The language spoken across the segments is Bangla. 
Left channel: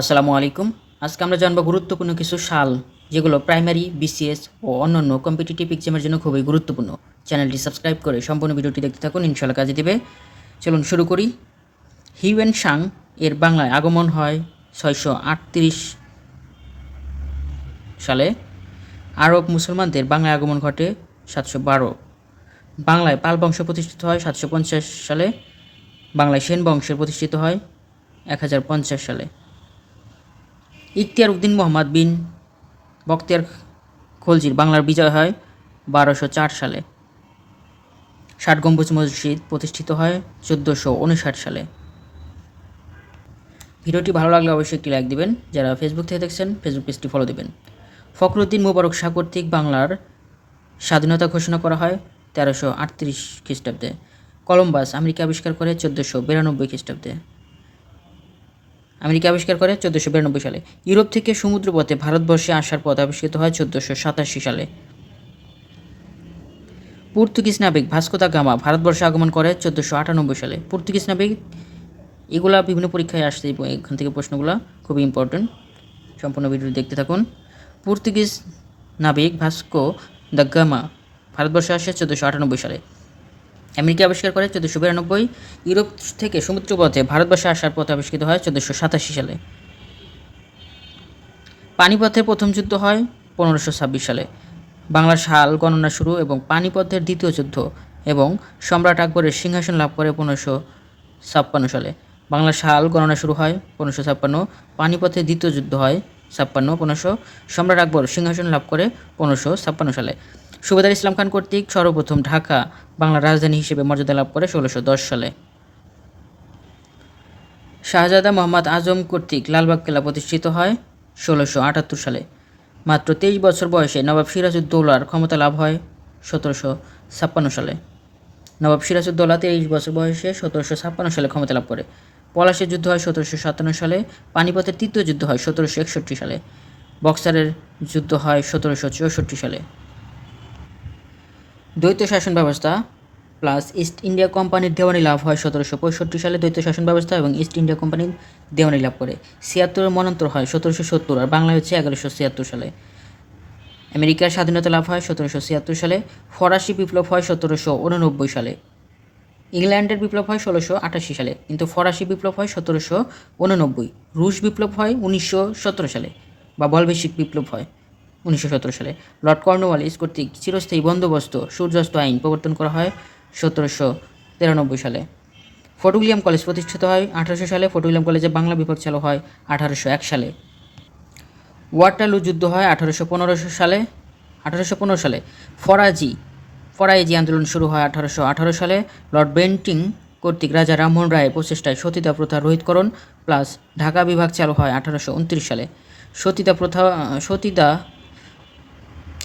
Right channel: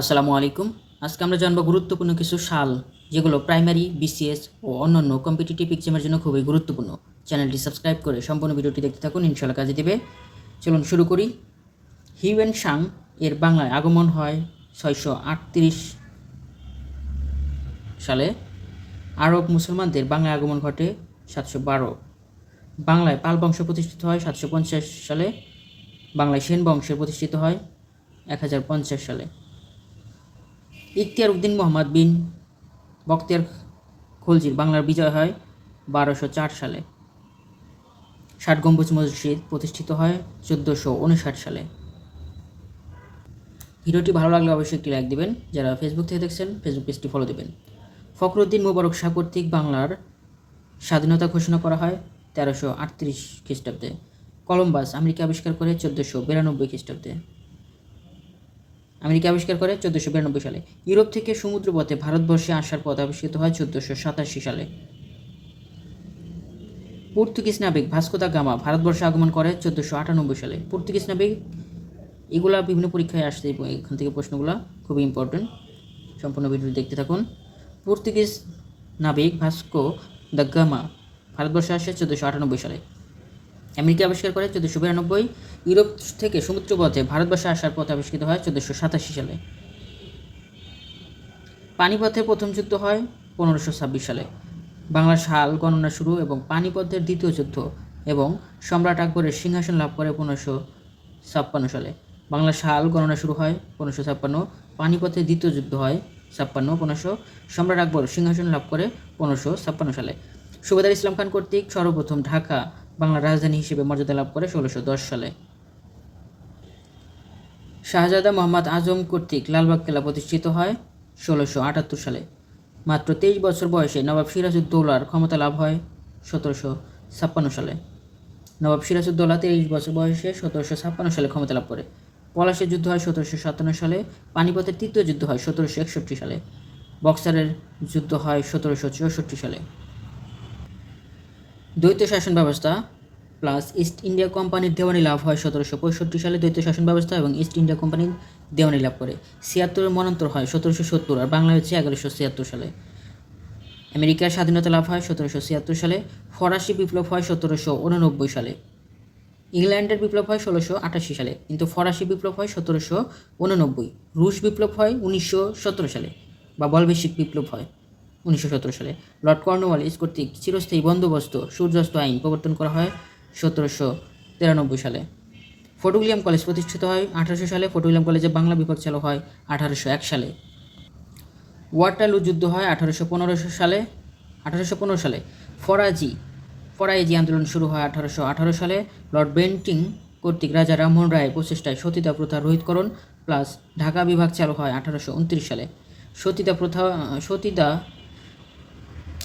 আসসালামু আলাইকুম। আজকে আমরা জানবো গুরুত্বপূর্ণ কিছু সাল যেগুলো প্রাইমারি, বিসিএস ও অন্যান্য কম্পিটিটিভ এক্সামের জন্য খুবই গুরুত্বপূর্ণ। চ্যানেলটি সাবস্ক্রাইব করে সম্পূর্ণ ভিডিওটি দেখতে থাকুন, ইনশাআল্লাহ কাজে দেবে। চলুন শুরু করি। হিউয়েন সাং এর বাংলায় আগমন হয় 638 সালে। আরব মুসলমানদের বাংলায় আগমন ঘটে 712। বাংলায় পাল বংশ প্রতিষ্ঠিত হয় 750 সালে। বাংলায় সেন বংশের প্রতিষ্ঠিত হয় 1050 সালে। ইখতিয়ার উদ্দিন মোহাম্মদ বিন বখতিয়ার খলজির বাংলার বিজয় হয় 1204 সালে। 60 গম্বুজ মসজিদ প্রতিষ্ঠিত হয় 1459 সালে। ভিডিওটি ভালো লাগলে অবশ্যই একটি লাইক দিবেন। যারা ফেসবুক থেকে দেখছেন ফেসবুক পেজটি ফলো দিবেন। ফখরুদ্দিন মোবারক শাহ কর্তৃক বাংলার স্বাধীনতা ঘোষণা করা হয় 1338 খ্রিস্টাব্দে। কলম্বাস আমেরিকা আবিষ্কার করে 1492 খ্রিস্টাব্দে। আমেরিকা আবিষ্কার করে 1492 সালে। ইউরোপ থেকে সমুদ্রপথে ভারতবর্ষে আসার পথ আবিষ্কৃত হয় 1487 সালে। পর্তুগিজ নাবিক ভাস্কো দা গামা ভারতবর্ষে আগমন করে 1498 সালে। পর্তুগিজ নাবিক এগুলা বিভিন্ন পরীক্ষায় আসছে, এখান থেকে প্রশ্নগুলো খুবই ইম্পর্টেন্ট। সম্পূর্ণ ভিডিওটি দেখতে থাকুন। পর্তুগিজ নাবিক ভাস্কো দা গামা ভারতবর্ষে আসে 1498 সালে। আমেরিকা আবিষ্কার করে 1492। ইউরোপ থেকে সমুদ্রপথে ভারতবর্ষে আসার পথ আবিষ্কৃত হয় 1487 সালে। পানিপথের প্রথম যুদ্ধ হয় 1526 সালে। বাংলার সাল গণনা শুরু এবং পানিপথের দ্বিতীয় যুদ্ধ এবং সম্রাট আকবরের সিংহাসন লাভ করে 1556 সালে। বাংলার সাল গণনা শুরু হয় 1556, পানিপথের দ্বিতীয় যুদ্ধ হয় 15 সম্রাট আকবর সিংহাসন লাভ করে 1556 সালে। সুবেদার ইসলাম খান কর্তৃক সর্বপ্রথম ঢাকা বাংলার রাজধানী হিসেবে মর্যাদা লাভ করে 1610 সালে। শাহজাদা মোহাম্মদ আজম কর্তৃক লালবাগ কেল্লা প্রতিষ্ঠিত হয় 1678 সালে। মাত্র 23 বছর বয়সে নবাব সিরাজউদ্দৌলার ক্ষমতা লাভ হয় 1756 সালে। নবাব সিরাজউদ্দৌলা 23 বছর বয়সে 1756 সালে ক্ষমতা লাভ করে। পলাশীর যুদ্ধ হয় 1757 সালে। পানিপথের তৃতীয় যুদ্ধ হয় 1761 সালে। বক্সারের যুদ্ধ হয় 1764 সালে। দ্বৈত শাসন ব্যবস্থা প্লাস ইস্ট ইন্ডিয়া কোম্পানির দেওয়ানি লাভ হয় 1765 সালে। দ্বৈত শাসন ব্যবস্থা এবং ইস্ট ইন্ডিয়া কোম্পানির দেওয়ানি লাভ করে 76 মন্বন্তর হয় 1770 আর বাংলায় হচ্ছে 1176 সালে। আমেরিকার স্বাধীনতা লাভ হয় 1776 সালে। ফরাসি বিপ্লব হয় 1789 সালে। ইংল্যান্ডের বিপ্লব হয় 1688 সালে, কিন্তু ফরাসি বিপ্লব হয় 1789। রুশ বিপ্লব হয় 1917 সালে, বা বলবেশিক বিপ্লব হয় 1917 সালে। লর্ড কর্নওয়ালিস কর্তৃক চিরস্থায়ী বন্দোবস্ত সূর্যাস্ত আইন প্রবর্তন করা হয় 1793 সালে। ফোর্ট উইলিয়াম কলেজ প্রতিষ্ঠিত হয় 1800 সালে। ফোর্ট উইলিয়াম কলেজে বাংলা বিভাগ চালু হয় 1801 সালে। ওয়াটারলু যুদ্ধ হয় 1815 সালে। ফরাজি আন্দোলন শুরু হয় 1818 সালে। লর্ড বেন্টিং কর্তৃক রাজা রামমোহন রায়ের প্রচেষ্টায় সতীদাহ প্রথা রোহিতকরণ প্লাস ঢাকা বিভাগ চালু হয় 1829 সালে।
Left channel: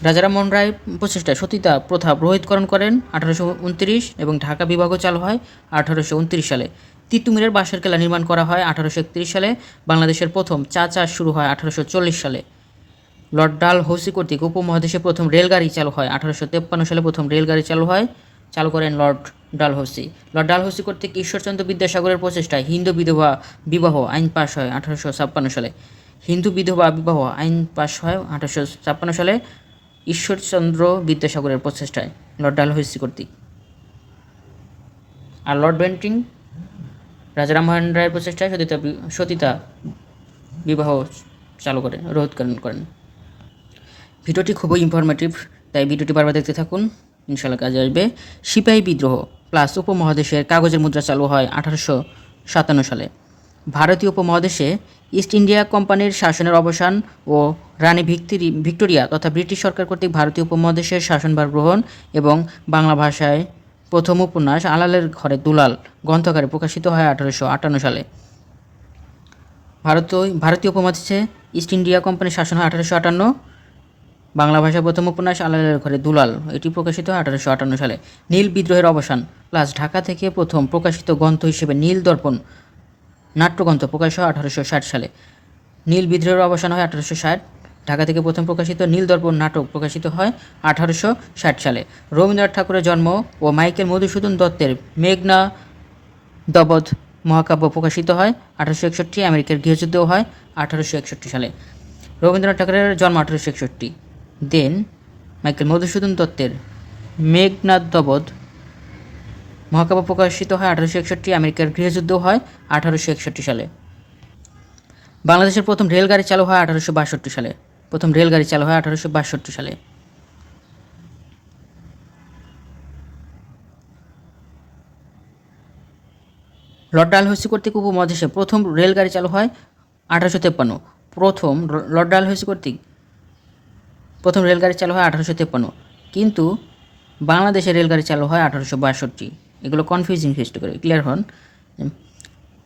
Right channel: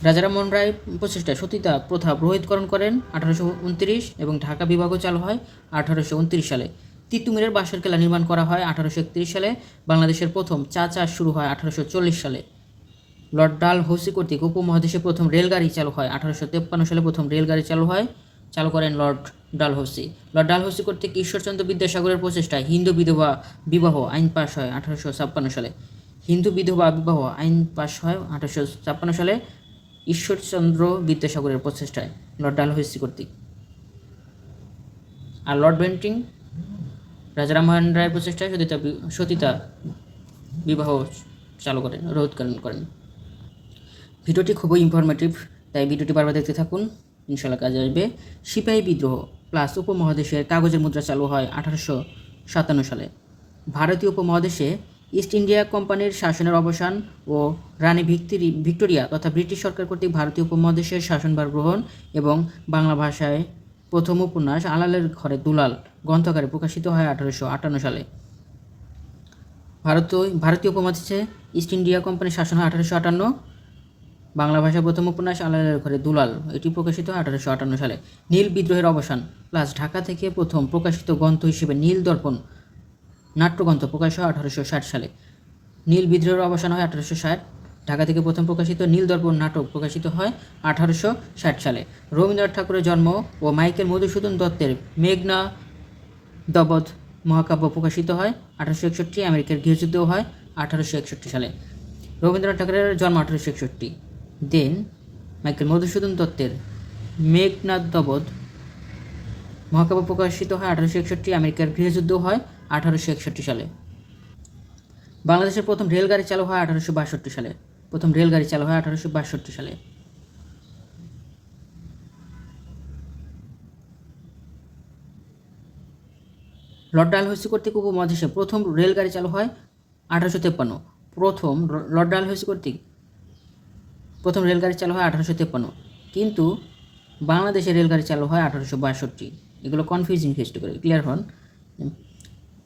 রাজা রামমোহন রায় প্রচেষ্টায় সতীদাহ প্রথা রোহিতকরণ করেন 1829 এবং ঢাকা বিভাগও চালু হয় 1829 সালে। তিতুমিরের বাঁশের কেল্লা নির্মাণ করা হয় 1831 সালে। বাংলাদেশের প্রথম চা চাষ শুরু হয় 1840 সালে। লর্ড ডালহৌসি কর্তৃক উপমহাদেশে প্রথম রেলগাড়ি চালু হয় 1853 সালে। প্রথম রেলগাড়ি চালু করেন লর্ড ডালহৌসি। লর্ড ডালহৌসি কর্তৃক ঈশ্বরচন্দ্র বিদ্যাসাগরের প্রচেষ্টায় হিন্দু বিধবা বিবাহ আইন পাশ হয় 1856 সালে। হিন্দু বিধবা বিবাহ আইন পাশ হয় 1856 সালে ঈশ্বরচন্দ্র বিদ্যাসাগরের প্রচেষ্টায় লর্ড ডালহৌসি কর্তৃক। আর লর্ড বেন্টিং রাজা রামমোহন রায়ের প্রচেষ্টায় সতীতা বিবাহ চালু করেন, রোধকরণ করেন। ভিডিওটি খুবই ইনফরমেটিভ, তাই ভিডিওটি বারবার দেখতে থাকুন, ইনশাআল্লাহ কাজে আসবে। সিপাহী বিদ্রোহ প্লাস উপমহাদেশের কাগজের মুদ্রা চালু হয় 1857 সালে। ভারতীয় উপমহাদেশে ইস্ট ইন্ডিয়া কোম্পানির শাসনের অবসান ও রানী ভিক্টোরিয়া তথা ব্রিটিশ সরকার কর্তৃক ভারতীয় উপমহাদেশের শাসনভার গ্রহণ এবং বাংলা ভাষায় প্রথম উপন্যাস আলালের ঘরে দুলাল গ্রন্থাকারে প্রকাশিত হয় 1858 সালে। ভারতীয় উপমহাদেশে ইস্ট ইন্ডিয়া কোম্পানির শাসন হয় 1858। বাংলা ভাষায় প্রথম উপন্যাস আলালের ঘরে দুলাল এটি প্রকাশিত হয় 1858 সালে। নীল বিদ্রোহের অবসান প্লাস ঢাকা থেকে প্রথম প্রকাশিত গ্রন্থ হিসেবে নীল দর্পণ নাট্যগ্রন্থ প্রকাশ হয় 1860 সালে। নীল বিদ্রোহের অবসান হয় 1860। ঢাকা থেকে প্রথম প্রকাশিত নীল দর্পণ নাটক প্রকাশিত হয় 1860 সালে। রবীন্দ্রনাথ ঠাকুরের জন্ম ও মাইকেল মধুসূদন দত্তের মেঘনা দবধ মহাকাব্য প্রকাশিত হয় 1861। আমেরিকার গৃহযুদ্ধও হয় 1861 সালে। রবীন্দ্রনাথ ঠাকুরের জন্ম 1861। দেন মাইকেল মধুসূদন দত্তের মেঘনাদবধ মহাকাব্য প্রকাশিত হয় 1861। আমেরিকার গৃহযুদ্ধ হয় 1861 সালে। বাংলাদেশের প্রথম রেলগাড়ি চালু হয় 1862 সালে। প্রথম রেলগাড়ি চালু হয় 1862 সালে। লর্ড ডালহৌসি কর্তৃক উপমহাদেশে প্রথম রেলগাড়ি চালু হয় 1853। লর্ড ডালহৌসি কর্তৃক প্রথম রেলগাড়ি চালু হয় 1853, কিন্তু বাংলাদেশে রেলগাড়ি চালু হয় 1862। এগুলো কনফিউজিং সৃষ্টি করে, ক্লিয়ার হন।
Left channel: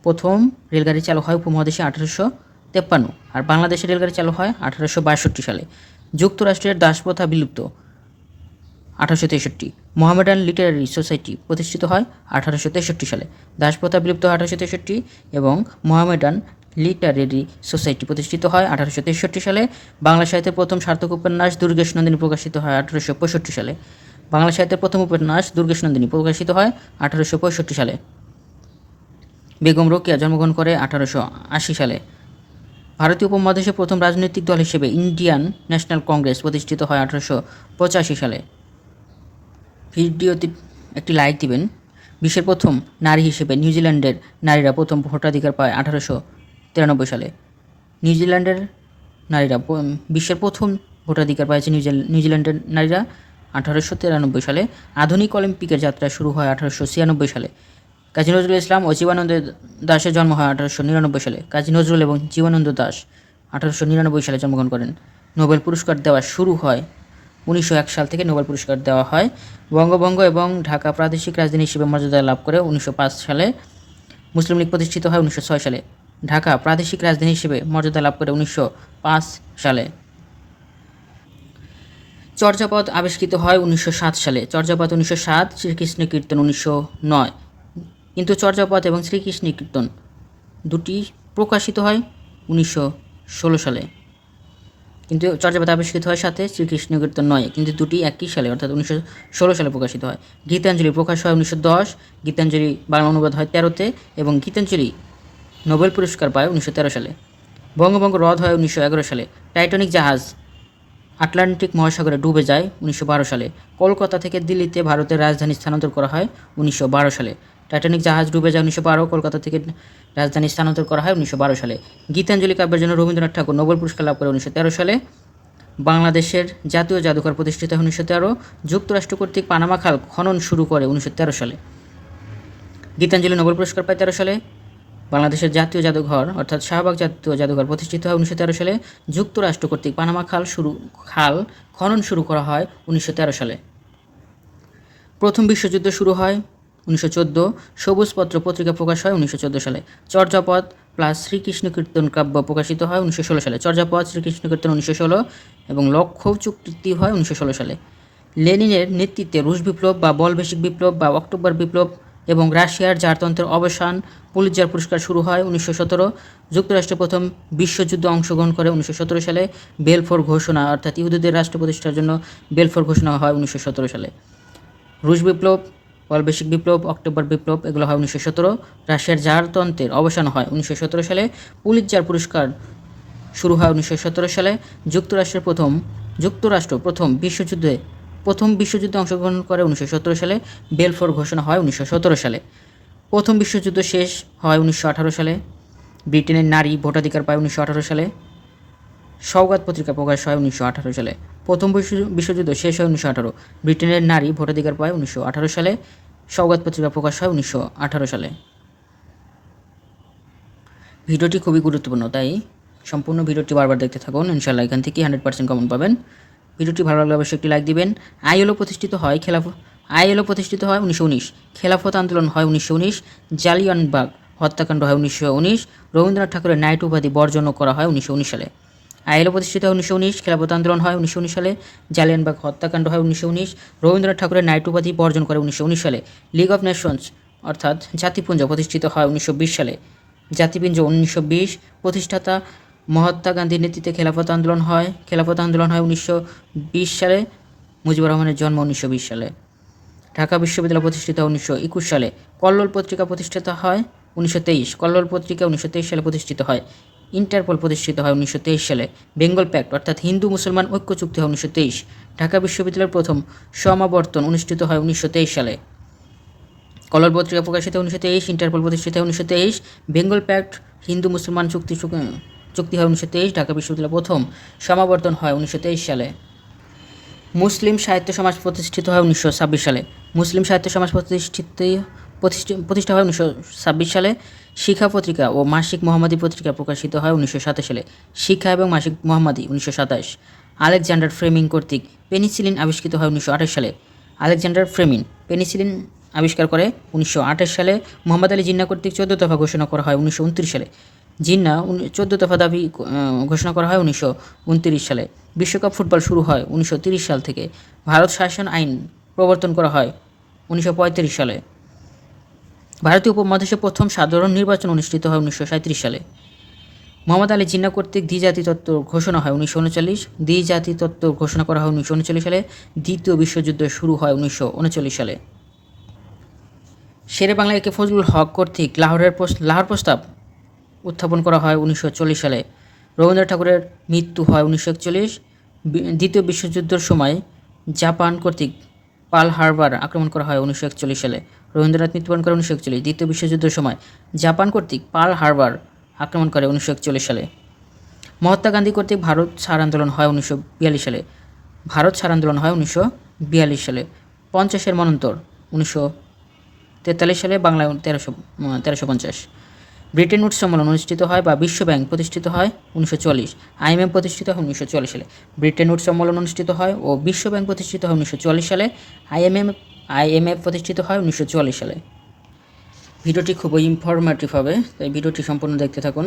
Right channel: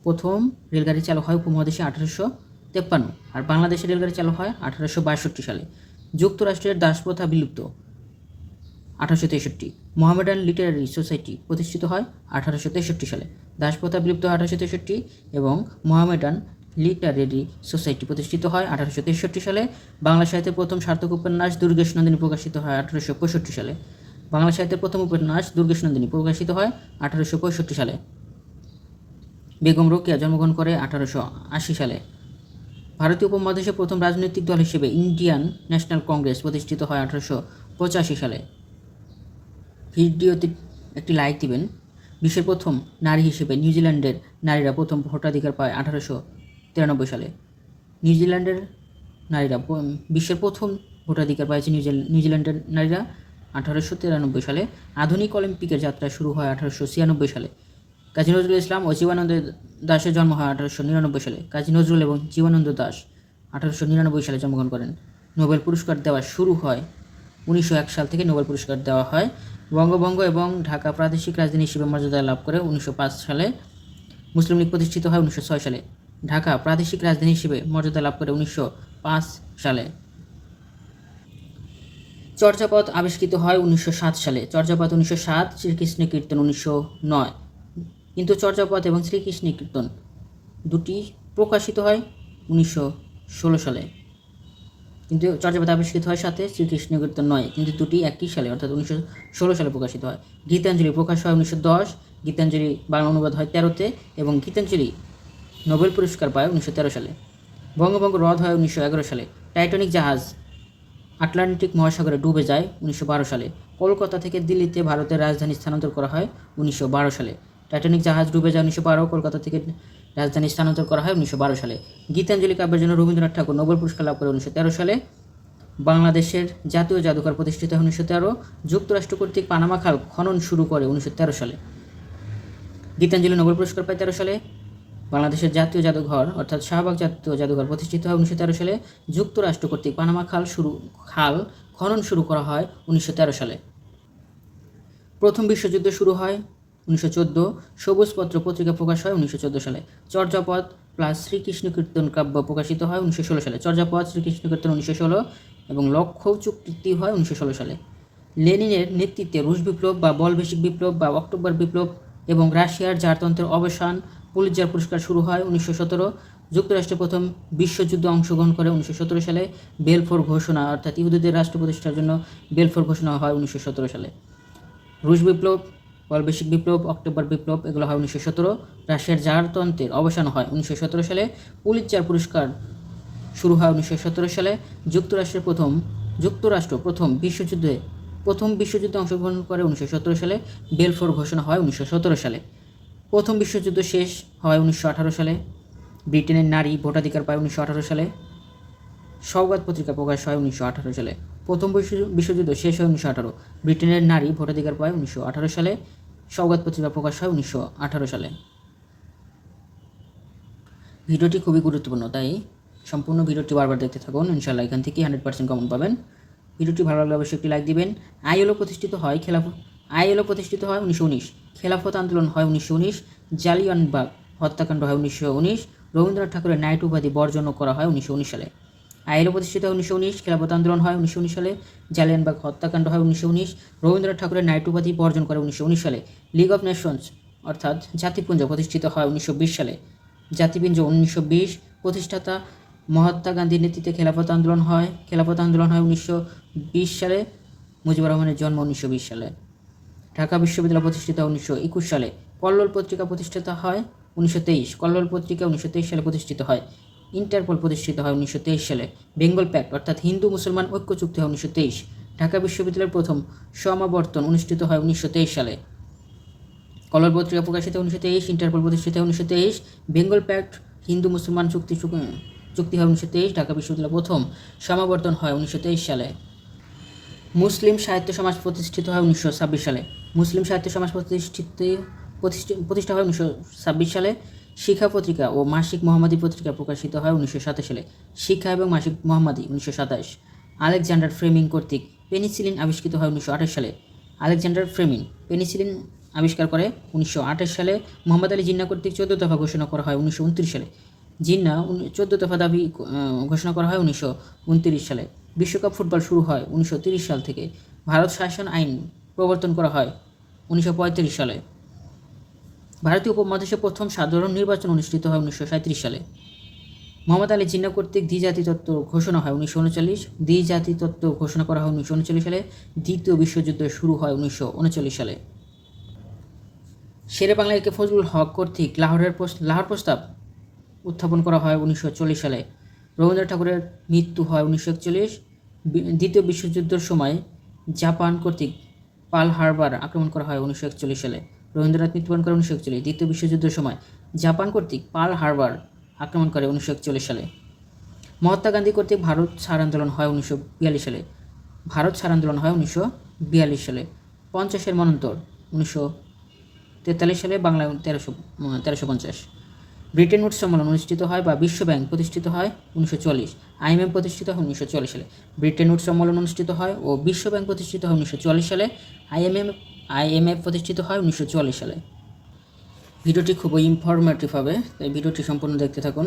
প্রথম রেলগাড়ি চালু হয় উপমহাদেশে 1853, আর বাংলাদেশে রেলগাড়ি চালু হয় 1862 সালে। যুক্তরাষ্ট্রের দাসপ্রথা বিলুপ্ত 1863। মোহামেডান লিটারারি সোসাইটি প্রতিষ্ঠিত হয় 1863 সালে। দাসপ্রথা বিলুপ্ত 1863 এবং মোহামেডান লিটারেরি সোসাইটি প্রতিষ্ঠিত হয় 1863 সালে। বাংলা সাহিত্যের প্রথম সার্থক উপন্যাস দুর্গেশ নন্দিনী প্রকাশিত হয় 1865 সালে। বাংলা সাহিত্যের প্রথম উপন্যাস দুর্গেশ নন্দিনী প্রকাশিত হয় 1865 সালে। বেগম রোকেয়া জন্মগ্রহণ করে 1880 সালে। ভারতীয় উপমহাদেশে প্রথম রাজনৈতিক দল হিসেবে ইন্ডিয়ান ন্যাশনাল কংগ্রেস প্রতিষ্ঠিত হয় 1885 সালে। ভিডিওতে একটি লাইক দিবেন। বিশ্বের প্রথম নারী হিসেবে নিউজিল্যান্ডের নারীরা প্রথম ভোটাধিকার পায় 1893 সালে। নিউজিল্যান্ডের নারীরা বিশ্বের প্রথম ভোটাধিকার পাইছে নিউজিল্যান্ডের নারীরা 1893 সালে। আধুনিক অলিম্পিকের যাত্রা শুরু হয় 1896 সালে। কাজী নজরুল ইসলাম ও জীবনানন্দ দাশের জন্ম হয় 1899 সালে। কাজী নজরুল এবং জীবনানন্দ দাশ 1899 সালে জন্মগ্রহণ করেন। নোবেল পুরস্কার দেওয়া শুরু হয় 1901 সাল থেকে। নোবেল পুরস্কার দেওয়া হয়। বঙ্গভঙ্গ এবং ঢাকা প্রাদেশিক রাজধানী হিসেবে মর্যাদা লাভ করে 1905 সালে। মুসলিম লীগ প্রতিষ্ঠিত হয় 1906 সালে। ঢাকা প্রাদেশিক রাজধানী হিসেবে মর্যাদা লাভ করে 1905 সালে। চর্যাপদ আবিষ্কৃত হয় 1907 সালে। চর্যাপদ 1907, শ্রীকৃষ্ণ কীর্তন 1909। কিন্তু চর্যাপদ এবং শ্রীকৃষ্ণ কীর্তন দুটি প্রকাশিত হয় 1916 সালে। কিন্তু চর্যাপদ আবিষ্কৃত হয় সাথে, শ্রীকৃষ্ণ কীর্তন নয়, কিন্তু দুটি একই সালে অর্থাৎ 1916 সালে প্রকাশিত হয়। গীতাঞ্জলি প্রকাশ হয় 1910। গীতাঞ্জলি বাংলা অনুবাদ হয় 13তে এবং গীতাঞ্জলি নোবেল পুরস্কার পায় 1913 সালে। বঙ্গভঙ্গ রদ হয় 1911 সালে। টাইটানিক জাহাজ আটলান্টিক মহাসাগরে ডুবে যায় 1912 সালে। কলকাতা থেকে দিল্লিতে ভারতের রাজধানী স্থানান্তর করা হয় 1912 সালে। টাইটানিক জাহাজ ডুবে যায় 1912, কলকাতা থেকে রাজধানী স্থানান্তর করা হয় 1912 সালে। গীতাঞ্জলি কাব্যের জন্য রবীন্দ্রনাথ ঠাকুর নোবেল পুরস্কার লাভ করে 1913 সালে। বাংলাদেশের জাতীয় জাদুঘর প্রতিষ্ঠিত হয় 1913। যুক্তরাষ্ট্র কর্তৃক পানামা খাল খনন শুরু করে 1913 সালে। গীতাঞ্জলি নোবেল পুরস্কার পায় 13 সালে। বাংলাদেশের জাতীয় জাদুঘর অর্থাৎ শাহবাগ জাতীয় জাদুঘর প্রতিষ্ঠিত হয় 1913 সালে। যুক্তরাষ্ট্র কর্তৃক পানামা খাল খনন শুরু করা হয় 1913 সালে। প্রথম বিশ্বযুদ্ধ শুরু হয় 1914। সবুজপত্র পত্রিকা প্রকাশ হয় 1914 সালে। চর্যাপদ প্লাস শ্রীকৃষ্ণ কীর্তন কাব্য প্রকাশিত হয় 1916 সালে। চর্যাপদ, শ্রীকৃষ্ণ কীর্তন 1916 এবং লক্ষ্য চুক্তি হয় 1916 সালে। লেনিনের নেতৃত্বে রুশ বিপ্লব বা বলবেশিক বিপ্লব বা অক্টোবর বিপ্লব এবং রাশিয়ার জারতন্ত্রের অবসান, পুলিৎজার পুরস্কার শুরু হয় 1917। যুক্তরাষ্ট্র প্রথম বিশ্বযুদ্ধে অংশগ্রহণ করে 1917 সালে। বেলফোর ঘোষণা অর্থাৎ ইহুদিদের রাষ্ট্র প্রতিষ্ঠার জন্য বেলফোর ঘোষণা হয় 1917 সালে। রুশ বিপ্লব, বলবেশিক বিপ্লব, অক্টোবর বিপ্লব এগুলো হয় 1917। রাশিয়ার জারতন্ত্রের অবসান হয় 1917 সালে। পুলিৎজার পুরস্কার শুরু হয় 1917 সালে। যুক্তরাষ্ট্র প্রথম বিশ্বযুদ্ধে অংশগ্রহণ করে 1917 সালে। বেলফোর ঘোষণা হয় 1917 সালে। প্রথম বিশ্বযুদ্ধ শেষ হয় 1918 সালে। ব্রিটেনের নারী ভোটাধিকার পায় 1918 সালে। সওগাত পত্রিকা প্রকাশ হয় 1918 সালে। প্রথম বিশ্বযুদ্ধ শেষ হয় 1918। ব্রিটেনের নারী ভোটাধিকার পায় 1918 সালে। সওগাত পত্রিকা প্রকাশ হয় 1918 সালে। ভিডিওটি খুবই গুরুত্বপূর্ণ, তাই সম্পূর্ণ ভিডিওটি বারবার দেখতে থাকুন। ইনশাআল্লাহ এখান থেকে 100% কমন পাবেন। ভিডিওটি ভালো লাগলে অবশ্যই একটি লাইক দিবেন। আইএলও প্রতিষ্ঠিত হয় 1919। খেলাফত আন্দোলন হয় 1919। জালিয়ানবাগ হত্যাকাণ্ড হয় 1919। রবীন্দ্রনাথ ঠাকুরের নাইট উপাধি বর্জন করা হয় 1919 সালে। আইএলও প্রতিষ্ঠিত হয় 1919। খেলাফত আন্দোলন হয় 1919 সালে। জালিয়ানবাগ হত্যাকাণ্ড হয় 1919। রবীন্দ্রনাথ ঠাকুরের নাইট উপাধি বর্জন করে 1919 সালে। লিগ অফ নেশনস অর্থাৎ জাতিপুঞ্জ প্রতিষ্ঠিত হয় 1920 সালে। জাতিপুঞ্জ 1920। প্রতিষ্ঠাতা মহাত্মা গান্ধীর নেতৃত্বে খেলাফত আন্দোলন হয় 1920 সালে। মুজিবুর রহমানের জন্ম 1920 সালে। ঢাকা বিশ্ববিদ্যালয় প্রতিষ্ঠিত হয় 1921 সালে। কল্লোল পত্রিকা প্রতিষ্ঠিত হয় 1923। কল্লোল পত্রিকা 1923 সালে প্রতিষ্ঠিত হয়। ইন্টারপোল প্রতিষ্ঠিত হয় 1923 সালে। বেঙ্গল প্যাক্ট অর্থাৎ হিন্দু মুসলমান ঐক্য চুক্তি হয় 1923। ঢাকা বিশ্ববিদ্যালয়ের প্রথম সমাবর্তন অনুষ্ঠিত হয় 1923 সালে। কলর পত্রিকা প্রকাশিত 1923, ইন্টারপোল প্রতিষ্ঠিত হয় 1923, বেঙ্গল প্যাক্ট হিন্দু মুসলমান চুক্তি হয় 1923, ঢাকা বিশ্ববিদ্যালয়ের প্রথম সমাবর্তন হয় 1923 সালে। মুসলিম সাহিত্য সমাজ প্রতিষ্ঠিত হয় 1926 সালে। মুসলিম সাহিত্য সমাজ প্রতিষ্ঠা হয় 1926 সালে। শিখা পত্রিকা ও মাসিক মোহাম্মদী পত্রিকা প্রকাশিত হয় 1927 সালে। শিখা এবং মাসিক মোহাম্মদী 1927। আলেকজান্ডার ফ্লেমিং কর্তৃক পেনিসিলিন আবিষ্কৃত হয় 1928 সালে। আলেকজান্ডার ফ্লেমিং পেনিসিলিন আবিষ্কার করে 1928 সালে। মোহাম্মদ আলী জিন্নাহ কর্তৃক 14 দফা ঘোষণা করা হয় 1929 সালে। জিন্নাহ 14 দফা দাবি ঘোষণা করা হয় 1929 সালে। বিশ্বকাপ ফুটবল শুরু হয় 1930 সাল থেকে। ভারত শাসন আইন প্রবর্তন করা হয় 1935 সালে। ভারতীয় উপমহাদেশে প্রথম সাধারণ নির্বাচন অনুষ্ঠিত হয় 1937 সালে। মোহাম্মদ আলী জিন্নাহ কর্তৃক দ্বিজাতি তত্ত্ব ঘোষণা হয় 1939। দ্বিজাতি তত্ত্ব ঘোষণা করা হয় 1939 সালে। দ্বিতীয় বিশ্বযুদ্ধ শুরু হয় 1939 সালে। শেরে বাংলা একে ফজলুল হক কর্তৃক লাহোর প্রস্তাব উত্থাপন করা হয় 1940 সালে। রবীন্দ্রনাথ ঠাকুরের মৃত্যু হয় 1941। দ্বিতীয় বিশ্বযুদ্ধের সময় জাপান কর্তৃক পার্ল হারবার আক্রমণ করা হয় 1941 সালে। রবীন্দ্রনাথ মৃত্যুবরণ করে 1941। দ্বিতীয় বিশ্বযুদ্ধের সময় জাপান কর্তৃক পার্ল হারবার আক্রমণ করে 1941 সালে। মহাত্মা গান্ধী কর্তৃক ভারত ছাড় আন্দোলন হয় 1942 সালে। ভারত ছাড় আন্দোলন হয় 1942 সালে। 50-এর মন্বন্তর 1943 সালে। বাংলায় 1350। ব্রিটেন উড সম্মেলন অনুষ্ঠিত হয় বা বিশ্বব্যাংক প্রতিষ্ঠিত হয় 1940। IMF প্রতিষ্ঠিত হয় 1940 সালে। ব্রিটেন উড সম্মেলন অনুষ্ঠিত হয় ও বিশ্বব্যাংক প্রতিষ্ঠিত হয় 1940 সালে। IMF প্রতিষ্ঠিত হয় 1940 সালে। ভিডিওটি খুবই ইনফরমেটিভ হবে, তাই ভিডিওটি সম্পূর্ণ দেখতে থাকুন।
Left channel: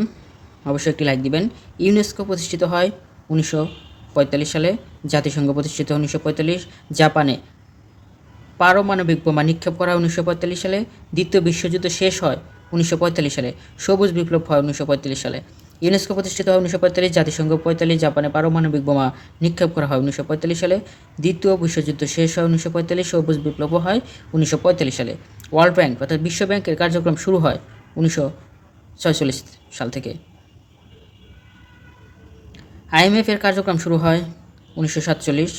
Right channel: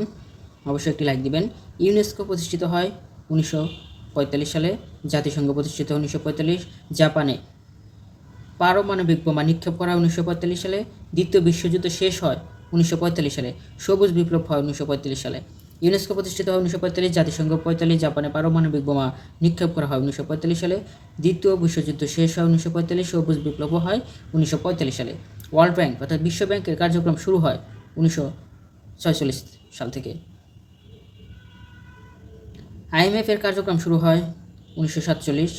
অবশ্যই একটি লাইক দিবেন। ইউনেস্কো প্রতিষ্ঠিত হয় 1945 সালে। জাতিসংঘ প্রতিষ্ঠিত হয় 1945। জাপানে পারমাণবিক বোমা নিক্ষেপ করা হয় 1945 সালে। দ্বিতীয় বিশ্বযুদ্ধ শেষ হয় 1945 সালে। সবুজ বিপ্লব হয় 1945 সালে। ইউনেস্কো প্রতিষ্ঠিত হয় 1945, জাতিসংঘ 45, জাপানে পারমাণবিক বোমা নিক্ষেপ করা হয় 1945 সালে। দ্বিতীয় বিশ্বযুদ্ধ শেষ হয় 1945, সবুজ বিপ্লব হয় 1945 সালে। ওয়ার্ল্ড ব্যাংক অর্থাৎ বিশ্ব ব্যাংকের কার্যক্রম শুরু হয় 1946 সাল থেকে। IMF এর কার্যক্রম শুরু হয় 1947।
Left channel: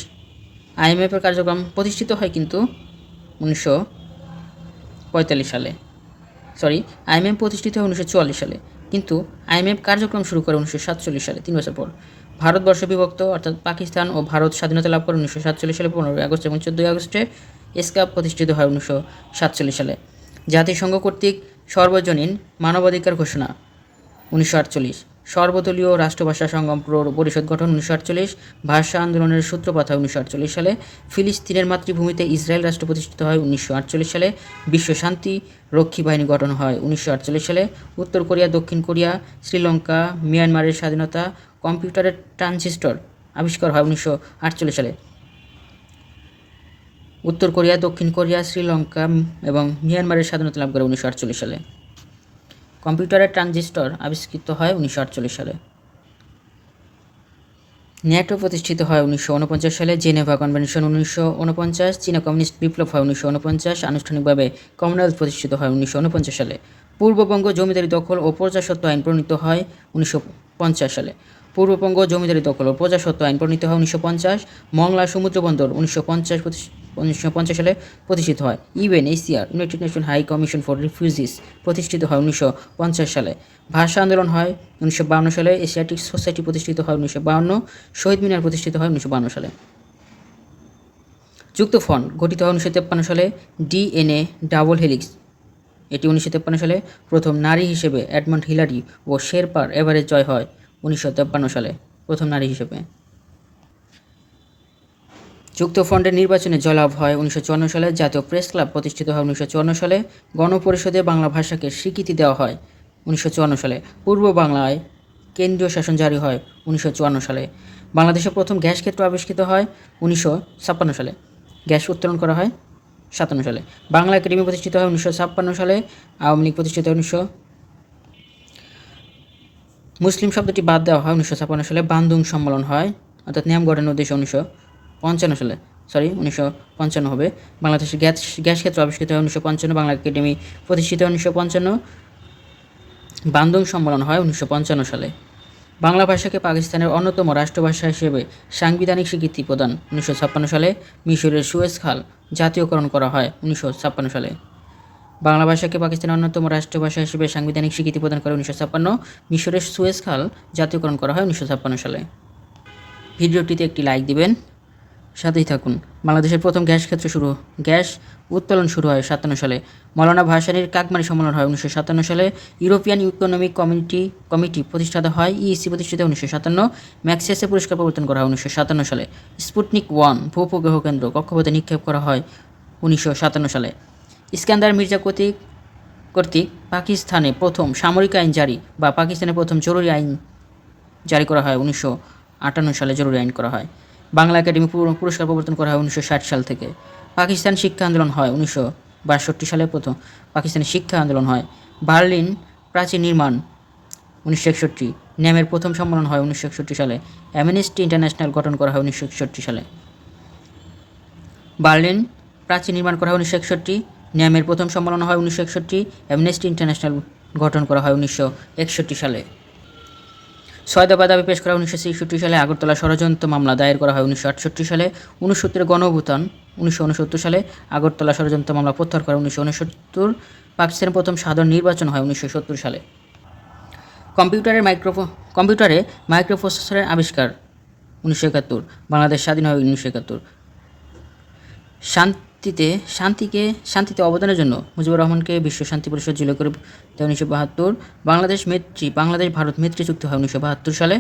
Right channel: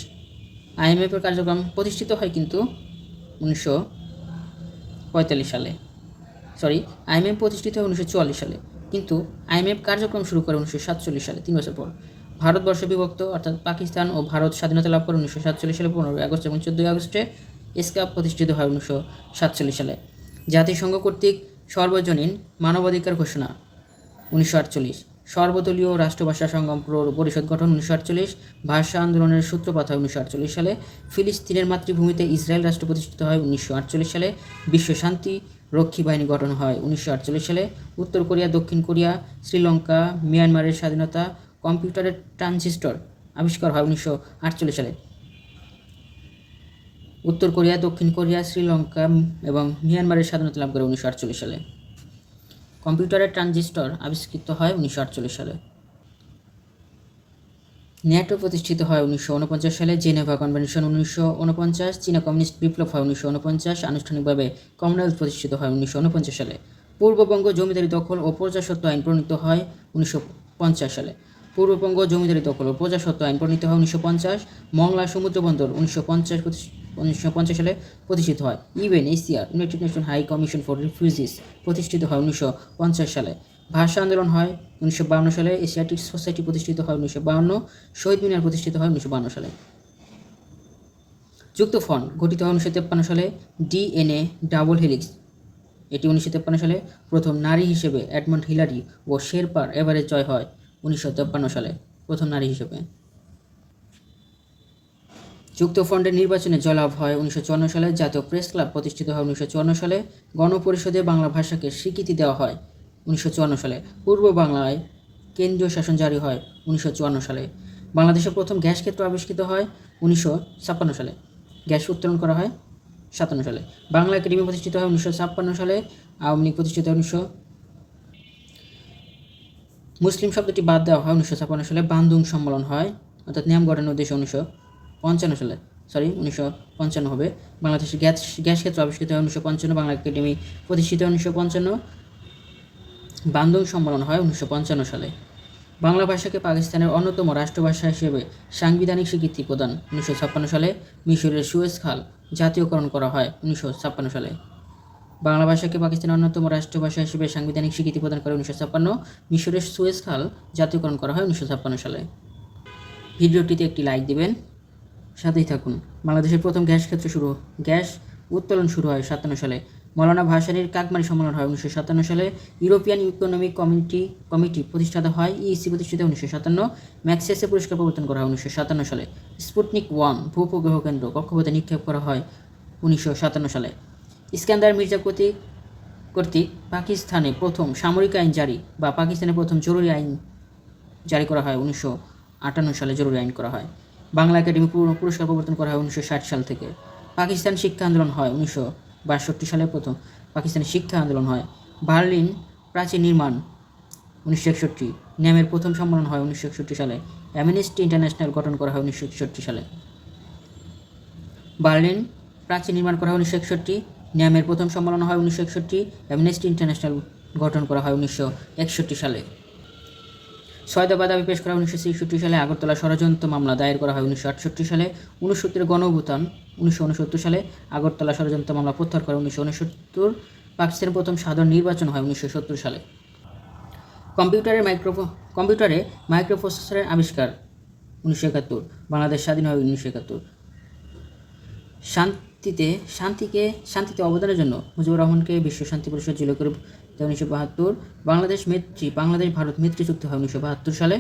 IMF এর কার্যক্রম প্রতিষ্ঠিত হয় কিন্তু 1945 সালে। IMF প্রতিষ্ঠিত হয় 1944 সালে, কিন্তু IMF কার্যক্রম শুরু করে 1947 সালে, 3 বছর পর। ভারতবর্ষ বিভক্ত অর্থাৎ পাকিস্তান ও ভারত স্বাধীনতা লাভ করে 1947 সালে। 15 আগস্ট এবং 14 আগস্টে এসকাপ প্রতিষ্ঠিত হয় 1947 সালে। জাতিসংঘ কর্তৃক সর্বজনীন মানবাধিকার ঘোষণা 1948। সর্বদলীয় রাষ্ট্রভাষা সংগ্রাম পরিষদ গঠন 1948। ভাষা আন্দোলনের সূত্রপাত হয় 1948 সালে। ফিলিস্তিনের মাতৃভূমিতে ইসরায়েল রাষ্ট্র প্রতিষ্ঠিত হয় 1948 সালে। বিশ্ব শান্তি রক্ষী বাহিনী গঠন হয় 1948 সালে। উত্তর কোরিয়া, দক্ষিণ কোরিয়া, শ্রীলঙ্কা, মিয়ানমারের স্বাধীনতা। কম্পিউটারের ট্রানজিস্টর আবিষ্কার হয় 1948 সালে। উত্তর কোরিয়া, দক্ষিণ কোরিয়া, শ্রীলঙ্কা এবং মিয়ানমারের স্বাধীনতা লাভ করে 1948 সালে। কম্পিউটারের ট্রানজিস্টর আবিষ্কৃত হয় 1948 সালে। ন্যাটো প্রতিষ্ঠিত হয় 1949 সালে। Geneva convention 1949। চীনা কমিউনিস্ট বিপ্লব হয় 1949। আনুষ্ঠানিকভাবে কমনওয়েলথ প্রতিষ্ঠিত হয় 1949 সালে। পূর্ববঙ্গ জমিদারি দখল ও প্রজাস্বত্ব আইন প্রণীত হয় 1950 সালে। পূর্ববঙ্গ জমিদারি দখল ও প্রজাস্বত্ব আইন প্রণীত হয় 1950। মংলা সমুদ্র বন্দর 1950 সালে প্রতিষ্ঠিত হয়। UNHCR united nation high commission for refugees প্রতিষ্ঠিত হয় 1950 সালে। ভাষা আন্দোলন হয় 1952 সালে। এশিয়াটিক সোসাইটি প্রতিষ্ঠিত হয় 1952। শহীদ মিনার প্রতিষ্ঠিত হয় 1952 সালে। যুক্ত ফ্রন্ট গঠিত হয় 1953 সালে। DNA ডাবল হেলিক্স এটি 1953 সালে। প্রথম নারী হিসেবে এডমন্ড হিলারি ও শেরপার এভারেস্ট জয় হয় 1953 সালে, প্রথম নারী হিসেবে। যুক্তফ্রন্টের নির্বাচনে জয়লাভ হয় 1954 সালে। জাতীয় প্রেস ক্লাব প্রতিষ্ঠিত হয় 1954 সালে। গণপরিষদে বাংলা ভাষাকে স্বীকৃতি দেওয়া হয় 1954 সালে। পূর্ব বাংলায় কেন্দ্রীয় শাসন জারি হয় 1954 সালে। বাংলাদেশের প্রথম গ্যাস ক্ষেত্র আবিষ্কৃত হয় 1956 সালে। গ্যাস উত্তোলন করা হয় 57 সালে। বাংলা একাডেমি প্রতিষ্ঠিত হয় 1956 সালে। আওয়ামী লীগ প্রতিষ্ঠিত হয় মুসলিম শব্দটি বাদ দেওয়া হয় 1956 সালে। বান্দুং সম্মেলন হয়, অর্থাৎ নিয়ম গঠনের উদ্দেশ্যে 1955 সালে, 1955 হবে। বাংলাদেশের গ্যাস ক্ষেত্র আবিষ্কৃত হয় 1955। বাংলা একাডেমি প্রতিষ্ঠিত হয় 1955। বান্দুং সম্মেলন হয় 1955 সালে। বাংলা ভাষাকে পাকিস্তানের অন্যতম রাষ্ট্রভাষা হিসেবে সাংবিধানিক স্বীকৃতি প্রদান 1956 সালে। মিশরের সুয়েজ খাল জাতীয়করণ করা হয় 1956 সালে। বাংলা ভাষাকে পাকিস্তানের অন্যতম রাষ্ট্রভাষা হিসেবে সাংবিধানিক স্বীকৃতি প্রদান করে 1956। মিশরের সুয়েজ খাল জাতীয়করণ করা হয় 1956 সালে। ভিডিওটিতে একটি লাইক দিবেন, সাথেই থাকুন। বাংলাদেশের প্রথম গ্যাস উত্তোলন শুরু হয় 57 সালে। মৌলানা ভাসানীর কাকমারি সম্মেলন হয় 1957 সালে। ইউরোপিয়ান ইকোনমিক কমিটি প্রতিষ্ঠাতা হয়, ইইসি প্রতিষ্ঠিত 1957। ম্যাক্সেসে পুরস্কার প্রবর্তন করা হয় 1957 সালে। স্পুটনিক 1 ভূপগ্রহ কেন্দ্র কক্ষপথে নিক্ষেপ করা হয় 1957 সালে। ইস্কান্দার মির্জা কর্তৃক পাকিস্তানে প্রথম সামরিক আইন জারি বা পাকিস্তানের প্রথম জরুরি আইন জারি করা হয় 1958 সালে। জরুরি আইন করা হয়। বাংলা একাডেমি পুরস্কার প্রবর্তন করা হয় 1960 সাল থেকে। পাকিস্তান শিক্ষা আন্দোলন হয় 1962 সালে। প্রথম পাকিস্তানের শিক্ষা আন্দোলন হয়। বার্লিন প্রাচীর নির্মাণ 1961। ন্যামের প্রথম সম্মেলন হয় 1961 সালে। অ্যামনেস্টি ইন্টারন্যাশনাল গঠন করা হয় 1961 সালে। বার্লিন প্রাচীর নির্মাণ করা হয় 1961। ন্যামের প্রথম সম্মেলন হয় 1961। অ্যামনেস্টি ইন্টারন্যাশনাল গঠন করা হয় 1961 সালে। 6 দফা দাবি পেশ করা 1966 সালে। আগরতলা ষড়যন্ত্র মামলা দায়ের করা হয় 1968 সালে। 69 গণ অভ্যুত্থান 1969 সালে। আগরতলা ষড়যন্ত্র মামলা প্রত্যাহার করা 1969। পাকিস্তানের প্রথম সাধারণ নির্বাচন হয় 1970 সালে। কম্পিউটারে মাইক্রোপ্রসেসরের আবিষ্কার 1971। বাংলাদেশ স্বাধীন হয় 1971। শান্তিতে অবদানের জন্য মুজিবুর রহমানকে বিশ্ব শান্তি পরিষদ জিলো করে 1972। বাংলাদেশ ভারত মৈত্রী চুক্তি হয় 1972 সালে।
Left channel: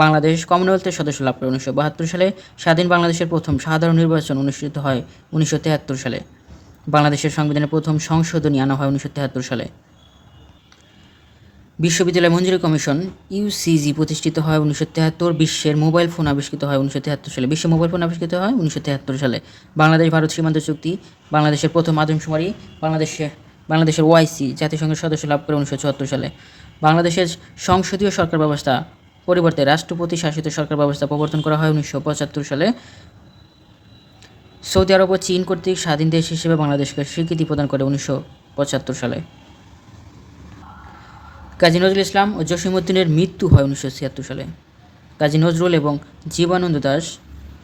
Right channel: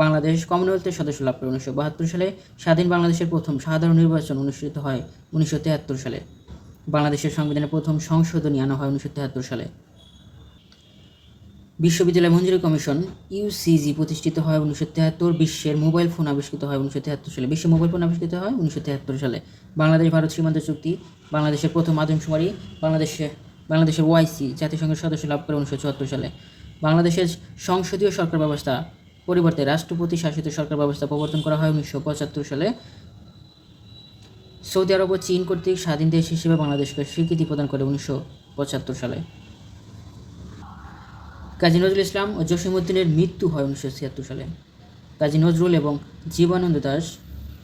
বাংলাদেশ কমনওয়েলথের সদস্য লাভ করে 1972 সালে। স্বাধীন বাংলাদেশের প্রথম সাধারণ নির্বাচন অনুষ্ঠিত হয় 1973 সালে। বাংলাদেশের সংবিধানের প্রথম সংশোধনী আনা হয় 1973 সালে। বিশ্ববিদ্যালয় মঞ্জুরি কমিশন ইউসিজি প্রতিষ্ঠিত হয় 1973। বিশ্বের মোবাইল ফোন আবিষ্কৃত হয় 1973 সালে। হয় 1973 সালে। বাংলাদেশ ভারত সীমান্ত চুক্তি, বাংলাদেশের প্রথম আদমশুমারি, বাংলাদেশের ওআইসি জাতিসংঘের সদস্য লাভ করে 1974 সালে। বাংলাদেশের সংসদীয় সরকার ব্যবস্থা পরিবর্তে রাষ্ট্রপতি শাসিত সরকার ব্যবস্থা প্রবর্তন করা হয় 1975 সালে। সৌদি আরব ও চীন কর্তৃক স্বাধীন দেশ হিসেবে বাংলাদেশকে স্বীকৃতি প্রদান করে 1975 সালে। কাজী নজরুল ইসলাম ও জসীমউদ্দিনের মৃত্যু হয় 1976 সালে। কাজী নজরুল এবং জীবানন্দ দাশ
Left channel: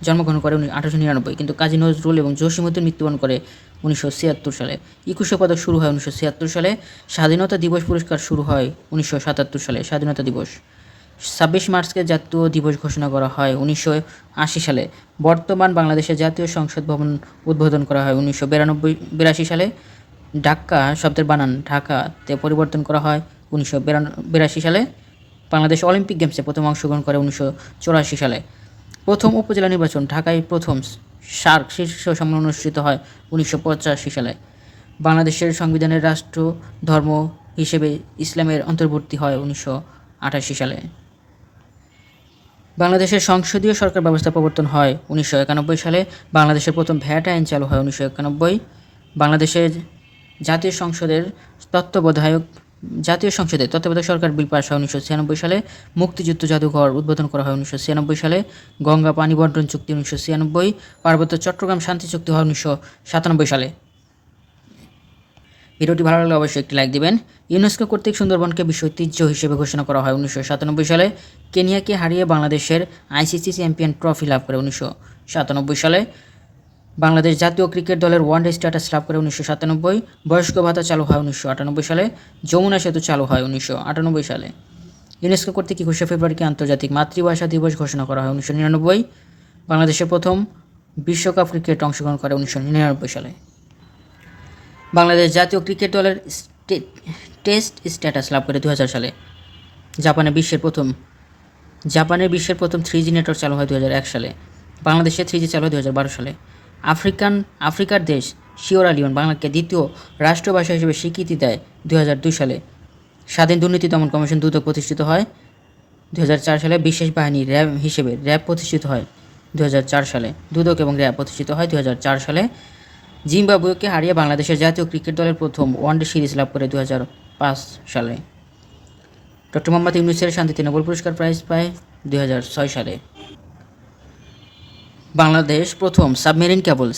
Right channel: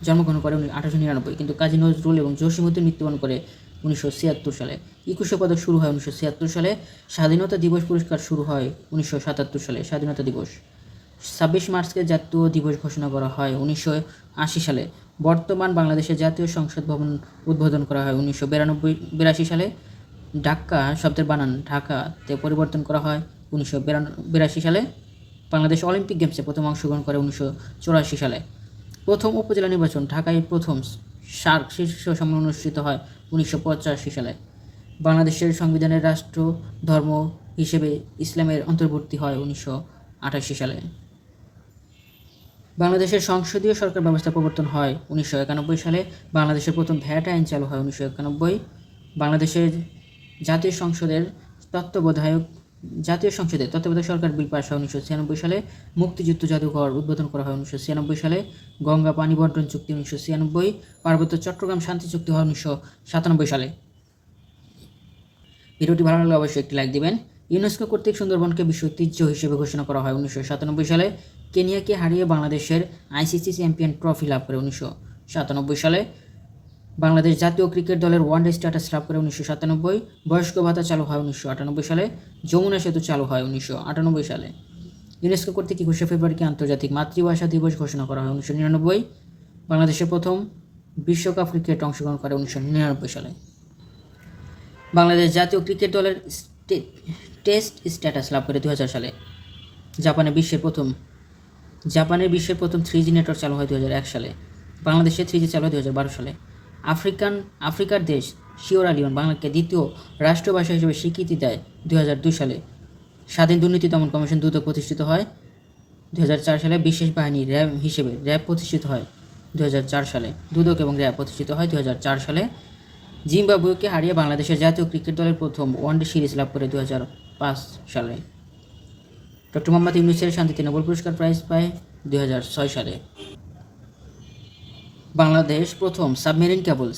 জন্মগ্রহণ করে 1899, কিন্তু কাজী নজরুল এবং জসীমউদ্দিন মৃত্যুবরণ করে 1976 সালে। 21শে পদক শুরু হয় 1976 সালে। স্বাধীনতা দিবস পুরস্কার শুরু হয় 1977 সালে। স্বাধীনতা দিবস 26 মার্চকে জাতীয় দিবস ঘোষণা করা হয় 1980 সালে। বর্তমান বাংলাদেশের জাতীয় সংসদ ভবন উদ্বোধন করা হয় 1982 সালে। ঢাকা শব্দের বানান ঢাকাতে পরিবর্তন করা হয় 1982 সালে। বাংলাদেশ অলিম্পিক গেমসে প্রথম অংশগ্রহণ করে 1984 সালে। প্রথম উপজেলা নির্বাচন ঢাকায় প্রথম সার্ক শীর্ষ সম্মেলন অনুষ্ঠিত হয় 1985 সালে। বাংলাদেশের সংবিধানের রাষ্ট্র ধর্ম হিসেবে ইসলামের অন্তর্ভুক্তি হয় 1988 সালে। বাংলাদেশের সংসদীয় সরকার ব্যবস্থা প্রবর্তন হয় 1991 সালে। বাংলাদেশের প্রথম ভ্যাট আইন চালু হয় 1991। বাংলাদেশের জাতীয় সংসদে তত্ত্বাবধায়ক সরকার বিল পাস হয় 1996 সালে। মুক্তিযুদ্ধ জাদুঘর উদ্বোধন করা হয় 1996 সালে। গঙ্গা পানি বন্টন চুক্তি 1996। পার্বত্য চট্টগ্রাম শান্তি চুক্তি হয় 1997 সালে। ভিডিওটি ভালো লাগলে অবশ্যই একটি লাইক দিবেন। ইউনেস্কো কর্তৃক সুন্দরবনকে বিশ্ব ঐতিহ্য হিসেবে ঘোষণা করা হয় 1997 সালে। কেনিয়াকে হারিয়ে বাংলাদেশের আইসিসি চ্যাম্পিয়ন ট্রফি লাভ করে 1997 সালে। বাংলাদেশ জাতীয় ক্রিকেট দলের ওয়ানডে স্ট্যাটাস লাভ করে 1997। বয়স্ক ভাতা চালু হয় 1998 সালে। যমুনা সেতু চালু হয় 1998 সালে। ইউনেস্কো কর্তৃক 21শে ফেব্রুয়ারিকে আন্তর্জাতিক মাতৃভাষা দিবস ঘোষণা করা হয় 1999। বাংলাদেশের প্রথম বিশ্বকাপ ক্রিকেট অংশগ্রহণ করে 1999 সালে। বাংলাদেশ জাতীয় ক্রিকেট দলের টেস্ট স্ট্যাটাস লাভ করে 2000 সালে। জাপানের বিশ্বের প্রথম 3G নেটওয়ার্ক চালু হয় 2001 সালে। বাংলাদেশে 3G চালু হয় 2012 সালে। আফ্রিকার দেশ সিয়েরা লিওন বাংলাকে দ্বিতীয় রাষ্ট্রভাষা হিসেবে স্বীকৃতি দেয় 2002 সালে। স্বাধীন দুর্নীতি দমন কমিশন দুদক প্রতিষ্ঠিত হয় 2004 সালে। বিশেষ বাহিনী র্যাব হিসেবে র্যাব প্রতিষ্ঠিত হয় 2004 সালে। দুদক এবং র্যাব প্রতিষ্ঠিত হয় 2004 সালে। জিম্বাবুয়েকে হারিয়ে বাংলাদেশের জাতীয় ক্রিকেট দলের প্রথম ওয়ানডে সিরিজ লাভ করে 2005 সালে। ডক্টর মোহাম্মদ ইউনূসের শান্তিতে নোবেল পুরস্কার প্রাইজ পায় 2006 সালে। বাংলাদেশ প্রথম সাবমেরিন কেবল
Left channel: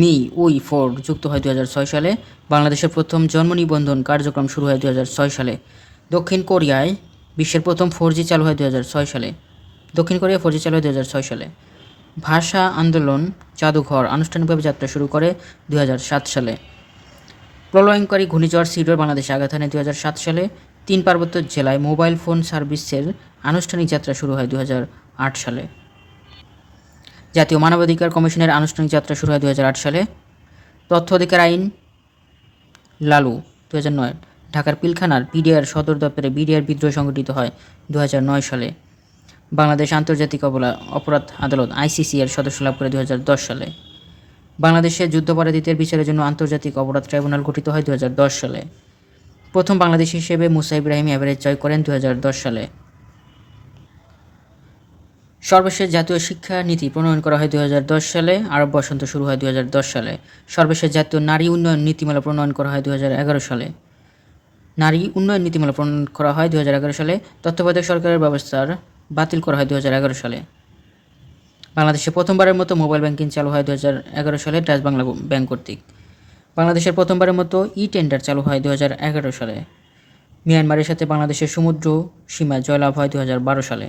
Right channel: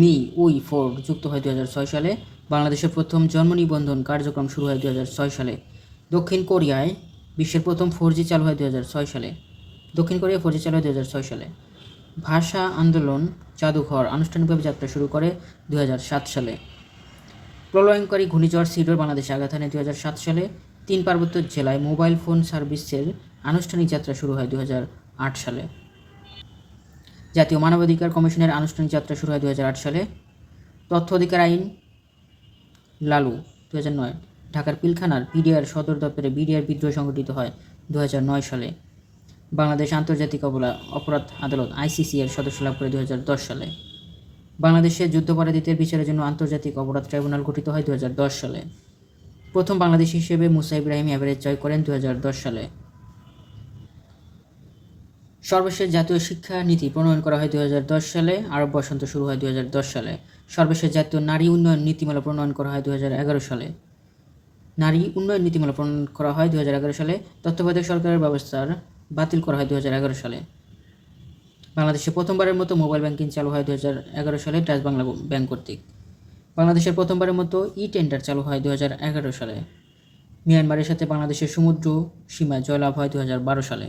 MI-4 যুক্ত হয় 2006 সালে। বাংলাদেশের প্রথম জন্ম নিবন্ধন কার্যক্রম শুরু হয় 2006 সালে। দক্ষিণ কোরিয়ায় বিশ্বের প্রথম 4G চালু হয় 2006 সালে। দক্ষিণ কোরিয়া 4G চালু হয় 2006 সালে। ভাষা আন্দোলন জাদুঘর আনুষ্ঠানিকভাবে যাত্রা শুরু করে 2007 সালে। প্রলয়ঙ্করী ঘূর্ণিঝড় সিডর বাংলাদেশে আঘাত হানে 2007 সালে। 3 পার্বত্য জেলায় মোবাইল ফোন সার্ভিসের আনুষ্ঠানিক যাত্রা শুরু হয় 2008 সালে। জাতীয় মানবাধিকার কমিশনের আনুষ্ঠানিক যাত্রা শুরু হয় 2008 সালে। তথ্য অধিকার আইন লালু 2009। ঢাকার পিলখানার বিডিআর সদর দপ্তরে বিডিআর বিদ্রোহ সংঘটিত হয় 2009 সালে। বাংলাদেশ আন্তর্জাতিক অপরাধ আদালত আইসিসি এর সদস্য লাভ করে 2010 সালে। বাংলাদেশে যুদ্ধাপরাধীদের বিচারের জন্য আন্তর্জাতিক অপরাধ ট্রাইব্যুনাল গঠিত হয় 2010 সালে। প্রথম বাংলাদেশি হিসেবে মুসা ইব্রাহিম এভারেজ জয় করেন 2010 সালে। সর্বশেষ জাতীয় শিক্ষা নীতি প্রণয়ন করা হয় 2010 সালে। আরব বসন্ত শুরু হয় 2010 সালে। সর্বশেষ জাতীয় নারী উন্নয়ন নীতিমালা প্রণয়ন করা হয় 2011 সালে। নারী উন্নয়ন নীতিমালা প্রণয়ন করা হয় 2011 সালে। তত্ত্বাবধায়ক সরকারের ব্যবস্থার বাতিল করা হয় 2011 সালে। বাংলাদেশে প্রথমবারের মতো মোবাইল ব্যাংকিং চালু হয় 2011 সালে ডাচ বাংলা ব্যাংক কর্তৃক। বাংলাদেশের প্রথমবারের মতো টেন্ডার চালু হয় 2011 সালে। মিয়ানমারের সাথে বাংলাদেশের সমুদ্র সীমা জয়লাভ হয় 2012 সালে।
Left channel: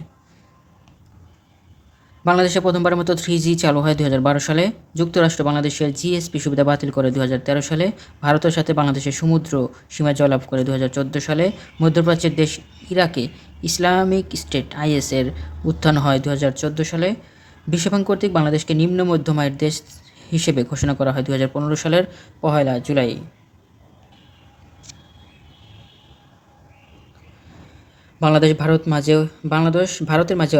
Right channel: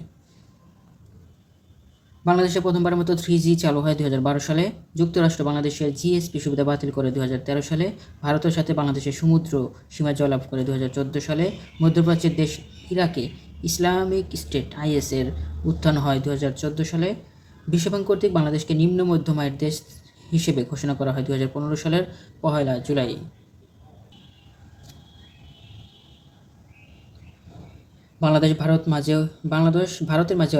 বাংলাদেশে প্রথমবারের মতো 3G চালু হয় 2012 সালে। যুক্তরাষ্ট্র বাংলাদেশের জিএসপি সুবিধা বাতিল করে 2013 সালে। ভারতের সাথে বাংলাদেশের সমুদ্র সীমা জয়লাভ করে 2014 সালে। মধ্যপ্রাচ্যের দেশ ইরাকে ইসলামিক স্টেট IS এর উত্থান হয় 2014 সালে। বিশ্বব্যাংক কর্তৃক বাংলাদেশকে নিম্ন মধ্যম আয়ের দেশ হিসেবে ঘোষণা করা হয় 2015 সালের 1 জুলাই। ভারতের মাঝে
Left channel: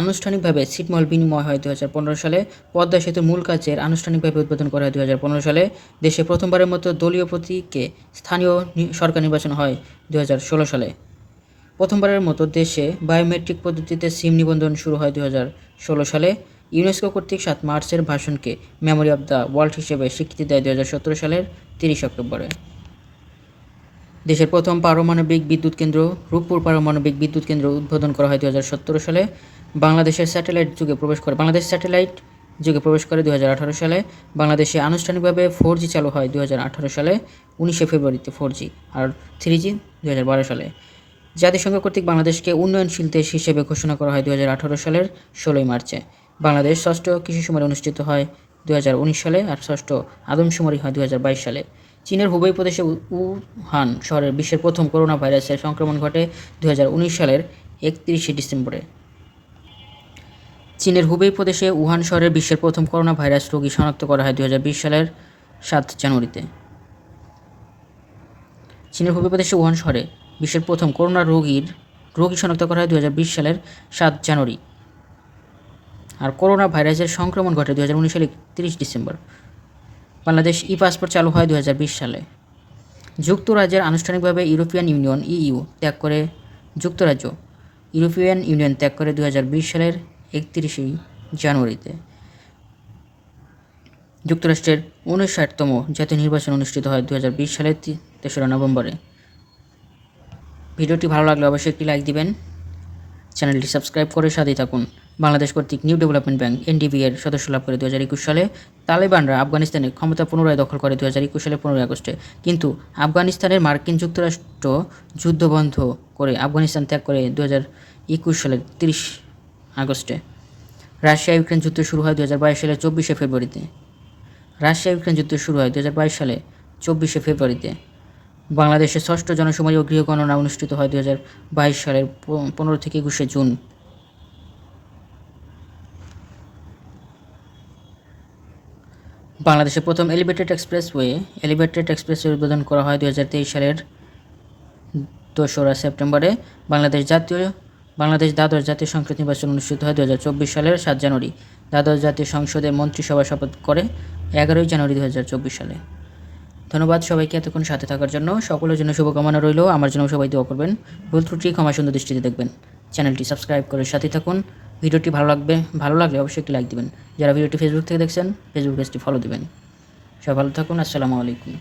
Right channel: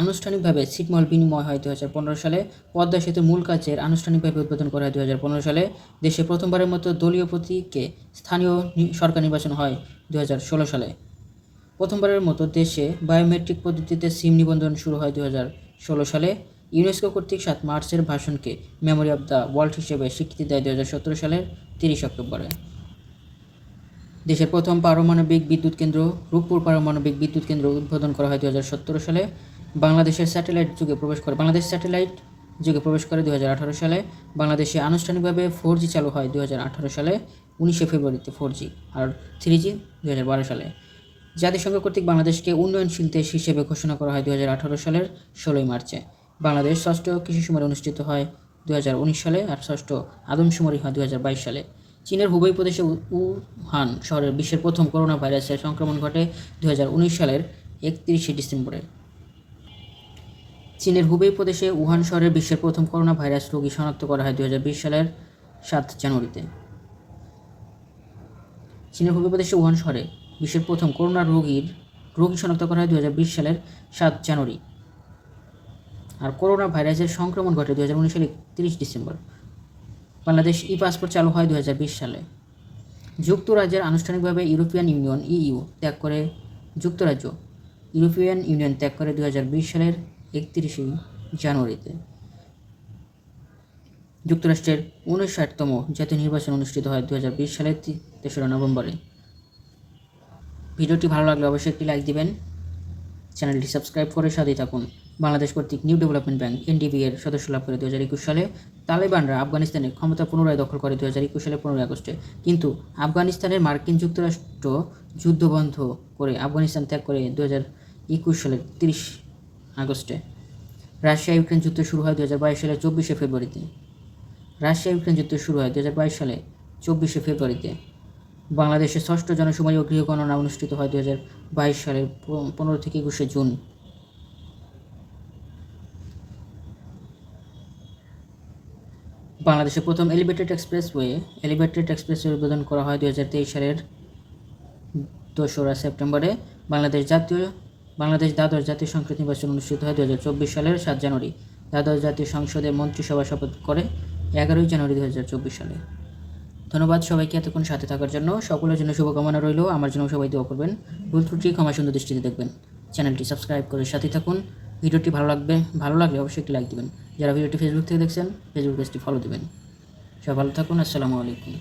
আনুষ্ঠানিকভাবে ছিটমহল বিনিময় হয় 2015 সালে। পদ্মা সেতুর মূল কাজের আনুষ্ঠানিকভাবে উদ্বোধন করা হয় 2015 সালে। দেশে প্রথমবারের মতো দলীয় প্রতীকে স্থানীয় সরকার নির্বাচন হয় 2016 সালে। প্রথমবারের মতো দেশে বায়োমেট্রিক পদ্ধতিতে সিম নিবন্ধন শুরু হয় 2016 সালে। ইউনেস্কো কর্তৃক 7 মার্চের ভাষণকে মেমোরি অব দ্য ওয়ার্ল্ড হিসেবে স্বীকৃতি দেয় 2017 সালের 30 অক্টোবরে। দেশের প্রথম পারমাণবিক বিদ্যুৎ কেন্দ্র রূপপুর পারমাণবিক বিদ্যুৎ কেন্দ্র উদ্বোধন করা হয় 2017 সালে। বাংলাদেশ স্যাটেলাইট যুগে প্রবেশ করে 2018 সালে। বাংলাদেশে আনুষ্ঠানিকভাবে 4G চালু হয় 2018 সালে 19 ফেব্রুয়ারিতে 4G আর 3G 2012 সালে। জাতিসংঘ কর্তৃক বাংলাদেশকে উন্নয়নশীল দেশ হিসেবে ঘোষণা করা হয় 2018 সালের 16 মার্চে। বাংলাদেশ ষষ্ঠ কৃষি সম্মেলন অনুষ্ঠিত হয় 2019 সালে আর ষষ্ঠ আদমশুমারি হয় 2022 সালে। চীনের হুবেই প্রদেশে উহান শহরে বিশ্বের প্রথম করোনা ভাইরাসের সংক্রমণ ঘটে 2019 সালের 31 ডিসেম্বরে। চীনের হুবেই প্রদেশে উহান শহরে বিশ্বের প্রথম করোনা ভাইরাস রোগী শনাক্ত করা হয় 2020 সালের 7 জানুয়ারিতে। চীনের হুবেই প্রদেশে উহান শহরে বিশ্বের প্রথম করোনা রোগী শনাক্ত করা হয় 2020 সালের 7 জানুয়ারি। আর করোনা ভাইরাসের সংক্রমণ ঘটে 2019 সালের 31 ডিসেম্বর। বাংলাদেশ পাসপোর্ট চালু হয় 2020 সালে। যুক্তরাজ্যের আনুষ্ঠানিকভাবে ইউরোপিয়ান ইউনিয়ন ত্যাগ করে 2020 সালের 31 জানুয়ারিতে। যুক্তরাষ্ট্রের 59তম জাতীয় নির্বাচন অনুষ্ঠিত হয় 2020 সালের 3রা নভেম্বরে। ভিডিওটি ভালো লাগলে অবশ্যই একটি লাইক দিবেন, চ্যানেলটি সাবস্ক্রাইব করে সাথেই থাকুন। বাংলাদেশ কর্তৃক নিউ ডেভেলপমেন্ট ব্যাংক NDB এর সদস্য লাভ করে 2021 সালে। তালেবানরা আফগানিস্তানের ক্ষমতা পুনরায় দখল করে 2021 সালের 15 আগস্টে। কিন্তু আফগানিস্তানের মার্কিন যুক্তরাষ্ট্র যুদ্ধ বন্ধ করে আফগানিস্তান ত্যাগ করে 2021 সালের 30 আগস্টে। রাশিয়া ইউক্রেন যুদ্ধ শুরু হয় 2022 সালের 24 ফেব্রুয়ারিতে। বাংলাদেশের ষষ্ঠ জনশুমারি ও গৃহগণনা অনুষ্ঠিত হয় 2022 সালের 15 থেকে 21 জুন। বাংলাদেশের প্রথম এলিভেটেড এক্সপ্রেসওয়ে উদ্বোধন করা হয় 2023 সালের 2রা সেপ্টেম্বরে। বাংলাদেশ দ্বাদশ জাতীয় সংসদ নির্বাচন অনুষ্ঠিত হয় 2024 সালের 7 জানুয়ারি। দ্বাদশ জাতীয় সংসদের মন্ত্রিসভা শপথ করে 11 জানুয়ারি 2024 সালে। ধন্যবাদ সবাইকে এতক্ষণ সাথে থাকার জন্য। সকলের জন্য শুভকামনা রইল। আমার জন্য সবাই দোয়া করবেন। ভুল ত্রুটি ক্ষমা সুন্দর দৃষ্টিতে দেখবেন। চ্যানেলটি সাবস্ক্রাইব করে সাথে থাকুন। ভিডিওটি ভালো লাগলে অবশ্যই একটি লাইক দিবেন। যারা ভিডিওটি ফেসবুক থেকে দেখছেন ফেসবুক পেজটি ফলো দিবেন। সবাই ভালো থাকুন। আসসালামু আলাইকুম।